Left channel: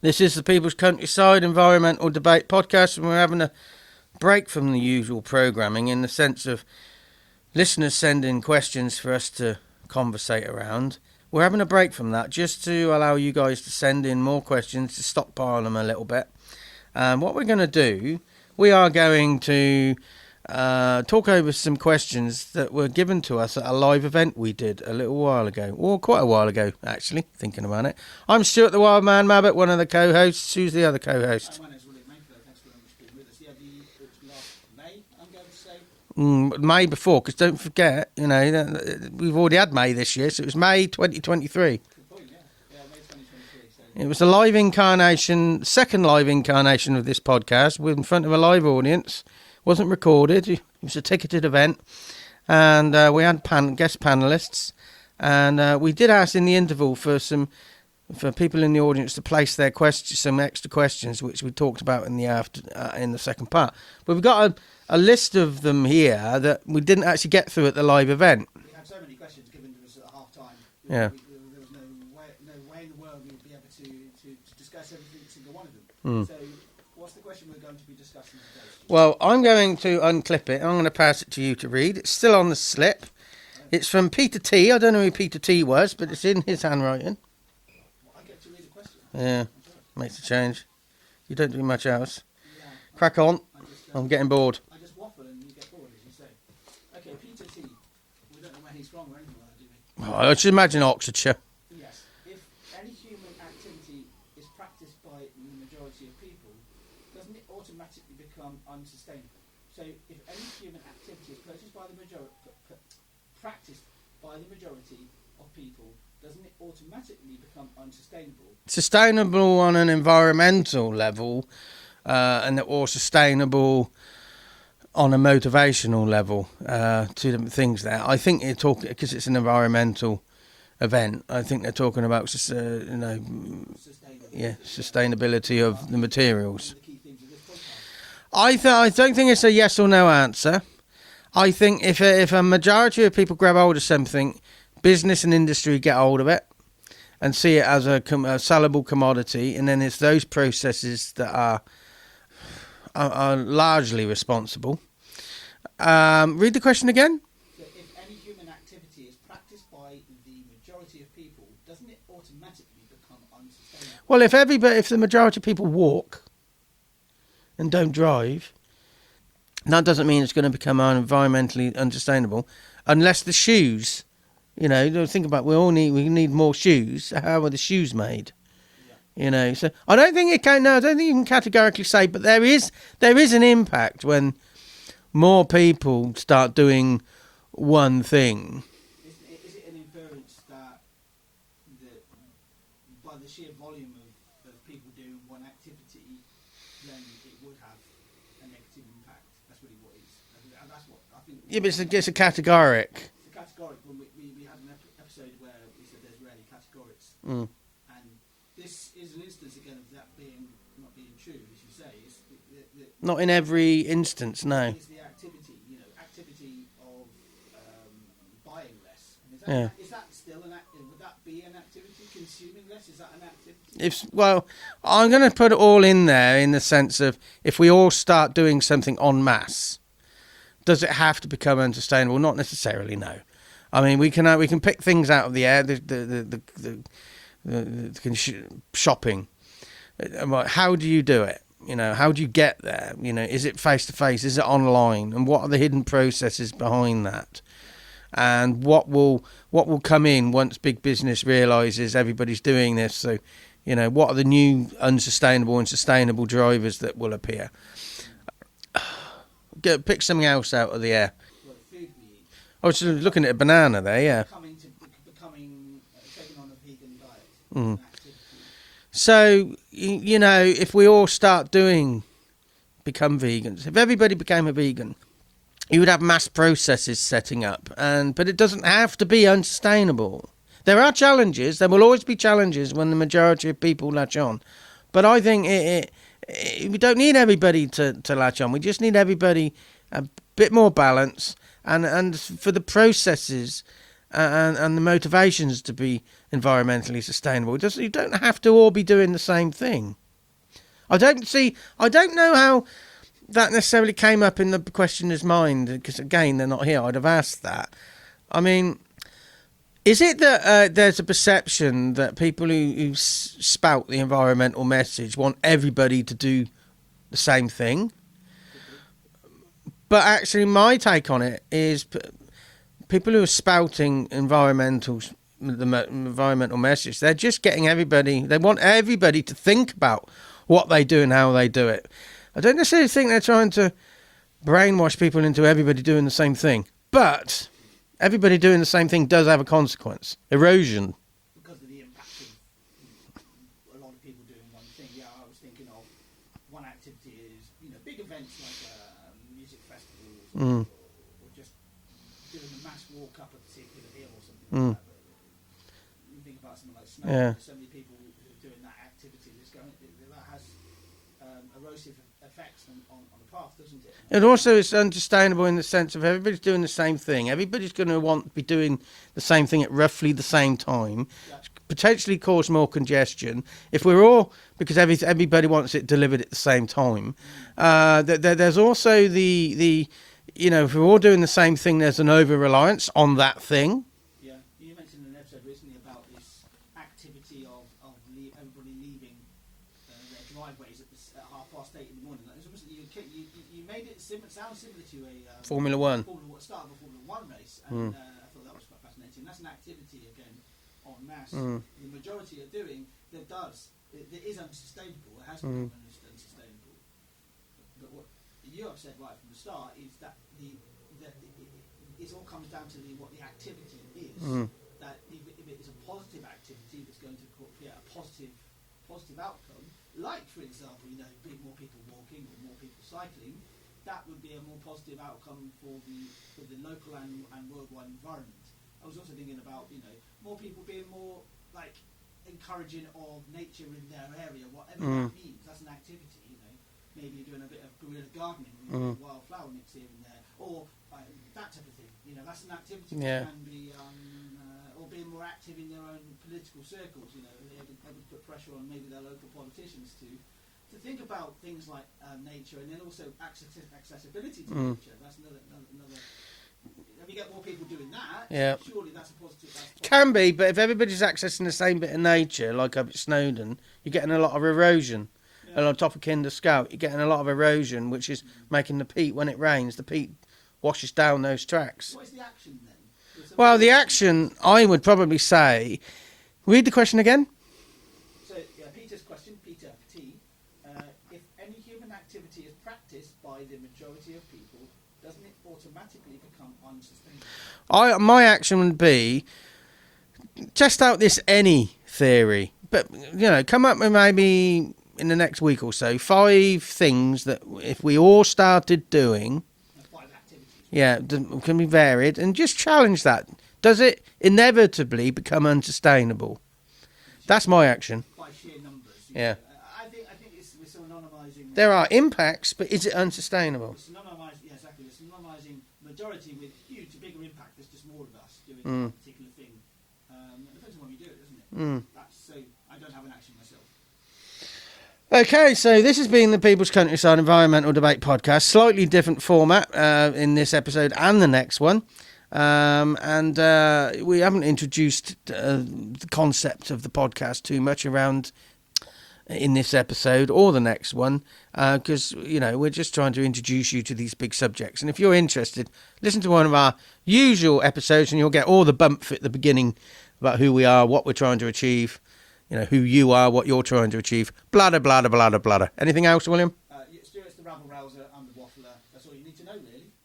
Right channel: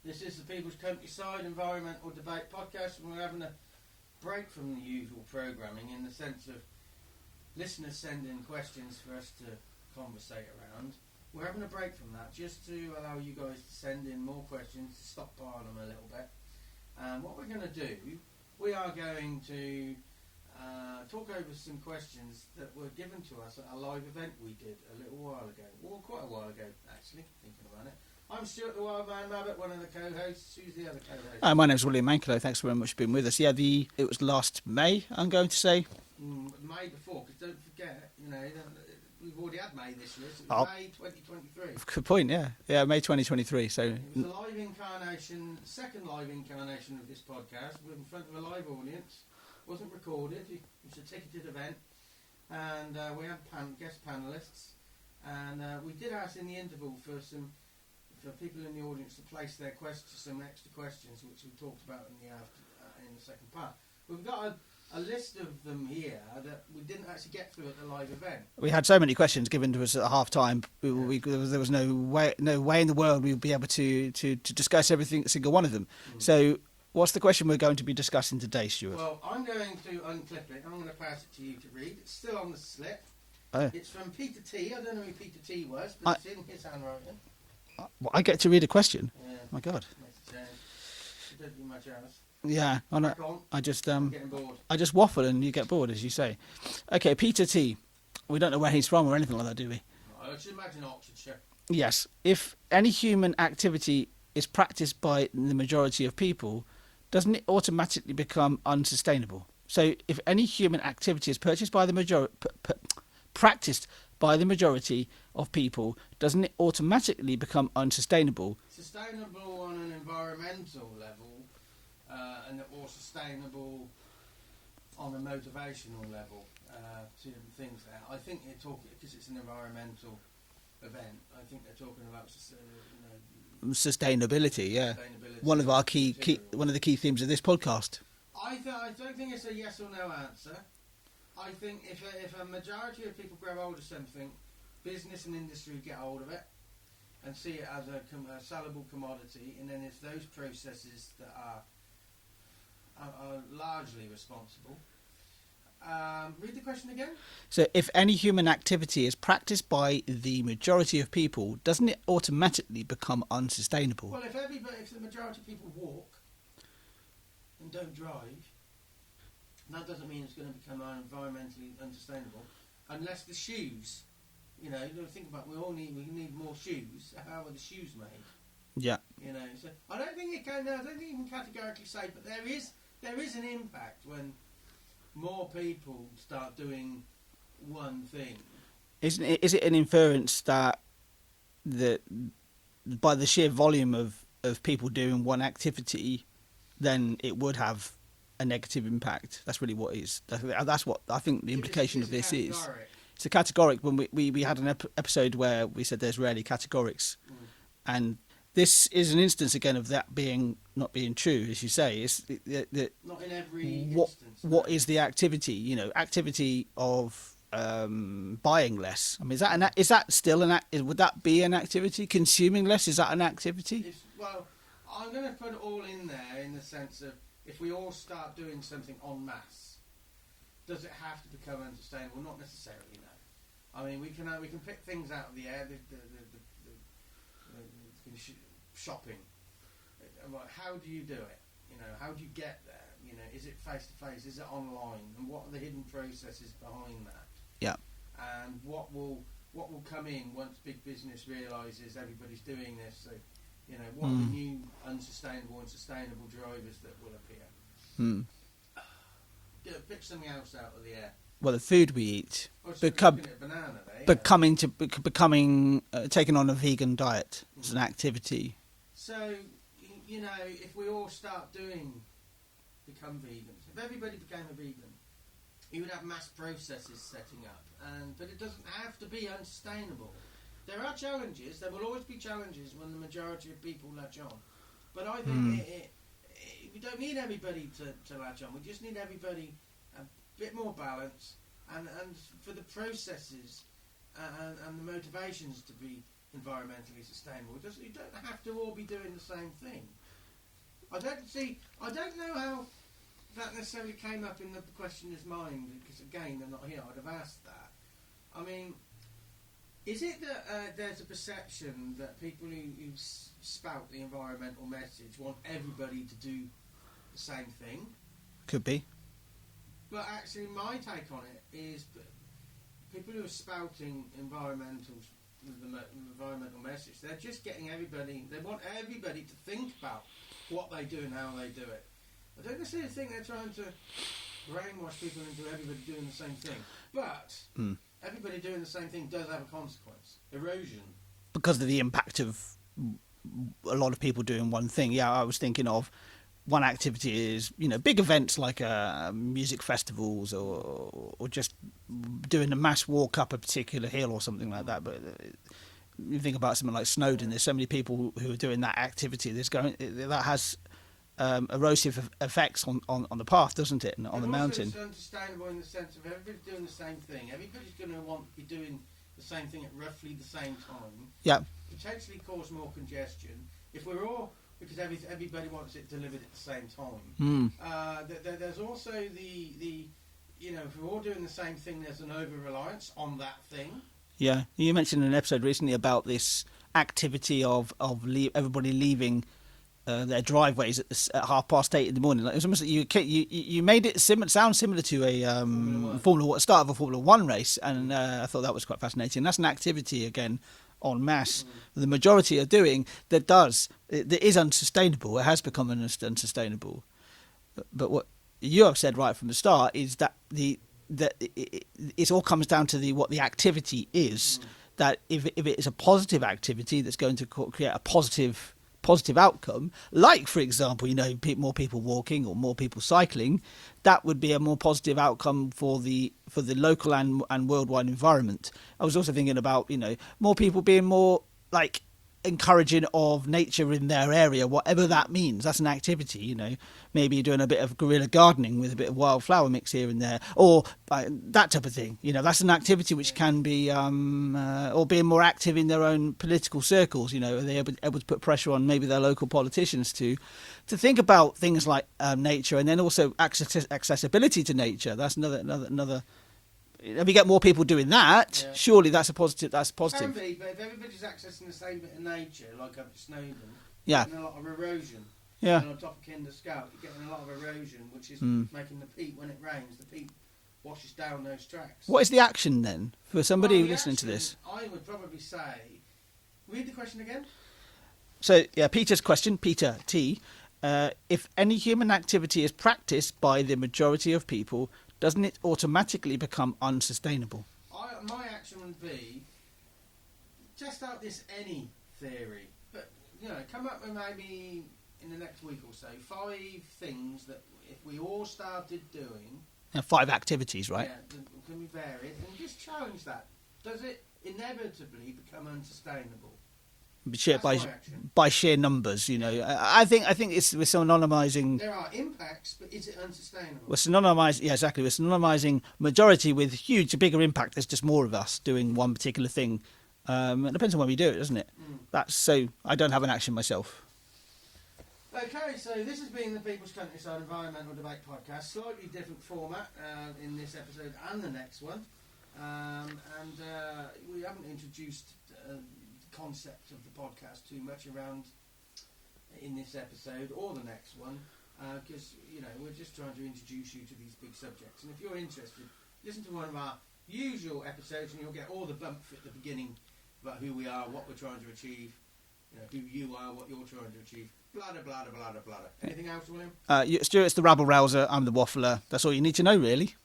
This is the People's Countryside Environmental Debate Podcast, and we're having a break from the usual programming in the sense of listeners send in questions for us to conversate around. We're having a break from that just to allow you guys to send in more questions, to stockpile them a little bit. And what we're going to do, we are going to talk over some questions that were given to us at a live event we did a little while ago, or quite a while ago, actually, thinking about it. I'm Stuart the Wild Man Mabbott, one of the co-hosts. Who's the other co-host? Hi, my name's William Manklow. Thanks very much for being with us. Yeah, it was last May, I'm going to say. May before, because don't forget, we've already had May this year, so it was May 2023. Good point, yeah. Yeah, May 2023. So it was the live incarnation, second live incarnation of this podcast, in front of a live audience. Wasn't recorded. It was a ticketed event, and we had guest panelists, and we did ask in the interval for people in the audience to place their questions, some extra questions, which we talked about in the second part. But we've got a list of them here that we didn't actually get through at the live event. We had so many questions given to us at half time. Yeah. There was no way in the world we would be able to discuss every single one of them. So what's the question we're going to be discussing today, Stuart? Well, I'm going to unclip it. I'm going to pass it to you to read. It's still on the slip. Oh. It's from Peter T. I don't know who Peter T was, but it's in his handwriting. Well, I get to read a question? Yeah. Oh my God. Makes a change. You don't do much else. Yeah. Crack on. I'm getting bored. I just waffle and you get bored, as you say. Okay, Peter T. We don't know where he's from or anything like that, do we? Oh, I should imagine Oxfordshire. Yes. If any human activity is practiced by the majority of people, doesn't it automatically become unsustainable? So if any human activity is practiced by the majority of people, doesn't it automatically become unsustainable? Sustainable on an environmental level, or sustainable on a motivational level. Two different things there. I think you're talking, because it's an environmental event, I think they're talking about sustainability. Yeah. Sustainability of the materials. One of the key themes of this podcast. I don't think it's a yes or no answer. I think if a majority of people grab hold of something, business and industry get hold of it and see it as a sellable commodity, and then it's those processes that are largely responsible. Read the question again. So if any human activity is practiced by the majority of people, doesn't it automatically become unsustainable? Well, if the majority of people walk and don't drive, that doesn't mean it's going to become environmentally unsustainable, unless the shoes, think about, we need more shoes. How are the shoes made? Yeah. So I don't think you can categorically say, but there is an impact when more people start doing one thing. Is it an inference that by the sheer volume of people doing one activity, then it would have a negative impact? That's really what it is. That's what I think. It's a categoric. It's a categoric. When we had an episode where we said there's rarely categorics, and this is an instance again of that not being true, as you say. It's not in every instance. No. What is the activity? Activity of buying less. I mean, is that still would that be an activity? Consuming less, is that an activity? I'm going to put it all in there in the sense of, if we all start doing something en masse, does it have to become unsustainable? Not necessarily, no. I mean, we can pick things out of the air. Shopping. How do you do it? How do you get there? Is it face to face? Is it online? And what are the hidden processes behind that? Yeah. And what will come in once big business realizes everybody's doing this? So, what are the new unsustainable and sustainable drivers that will appear? Pick something else out of the air. Well, the food we eat. I was just looking at a banana there. Yeah. Becoming taking on a vegan diet is an activity. So, if we all become vegans, if everybody became a vegan, you would have mass processes setting up, but it doesn't have to be unsustainable. There are challenges. There will always be challenges when the majority of people latch on. But I think we don't need everybody to latch on. We just need everybody a bit more balance, and for the processes and the motivations to be environmentally sustainable. You don't have to all be doing the same thing. I don't know how that necessarily came up in the questioner's mind, because again, they're not here. I'd have asked that. I mean, is it that there's a perception that people who spout the environmental message want everybody to do the same thing? Could be. But actually, my take on it is people who are spouting the environmental message, they're just getting everybody, they want everybody to think about what they do and how they do it. I don't necessarily think they're trying to brainwash people into everybody doing the same thing. But everybody doing the same thing does have a consequence. Erosion. Because of the impact of a lot of people doing one thing. Yeah, I was thinking of one activity is, big events like music festivals or just doing a mass walk up a particular hill or something like that. But you think about something like Snowdon, there's so many people who are doing that activity. That has erosive effects on the path, doesn't it? It also is unsustainable in the sense of everybody's doing the same thing. Everybody's going to be doing the same thing at roughly the same time. Yeah. Potentially cause more congestion. If we're all, because everybody wants it delivered at the same time. There's also the if we're all doing the same thing, there's an over-reliance on that thing. Yeah. You mentioned in an episode recently about this activity of everybody leaving their driveways at 8:30 in the morning. Like, it was almost like you made it sound similar to a start of a Formula One race, and I thought that was quite fascinating. That's an activity again en masse. The majority are doing that is unsustainable. It has become unsustainable. But what you have said right from the start is that it all comes down to what the activity is. That if it is a positive activity that's going to create a positive outcome, like for example, more people walking or more people cycling, that would be a more positive outcome for the local and worldwide environment. I was also thinking about more people being more like encouraging of nature in their area, whatever that means. That's an activity, maybe doing a bit of guerrilla gardening with a bit of wildflower mix here and there, or that type of thing. That's an activity which can be, or being more active in their own political circles. Are they able to put pressure on maybe their local politicians to think about things like nature, and then also accessibility to nature. That's another. If we get more people doing that, surely that's a positive. That's positive. Can be, but if everybody's accessing the same bit of nature, like up at Snowdon, you're getting a lot of erosion. Yeah. And on top of Kinder Scout, you're getting a lot of erosion, which is making the peat, when it rains, the peat washes down those tracks. What is the action then? For somebody the action, I would probably say, read the question again. So, Peter's question, Peter T. If any human activity is practiced by the majority of people, doesn't it automatically become unsustainable? My action would be, test out this any theory, but, come up with maybe in the next week or so 5 things that if we all started doing... 5 activities, right? Yeah, can be varied, and just challenge that. Does it inevitably become unsustainable? That's my action. By sheer numbers, I think we're synonymizing. There are impacts, but is it unsustainable? We're synonymizing, exactly. We're synonymizing majority with bigger impact. There's just more of us doing one particular thing. It depends on when we do it, doesn't it? That's so. I don't have an action myself. Okay, so this has been the People's Countryside Environmental Debate Podcast. Slightly different format in this episode and the next one. And we haven't introduced the concept of the podcast too much around in this episode or the next one, because we're just trying to introduce you to these big subjects. And if you're interested, listen to one of our usual episodes and you'll get all the bump at the beginning about who we are, what we're trying to achieve, who you are, what you're trying to achieve, bladder, bladder, bladder, bladder. Anything else, William? Stuart's the rabble-rouser, I'm the waffler. That's all you need to know, really.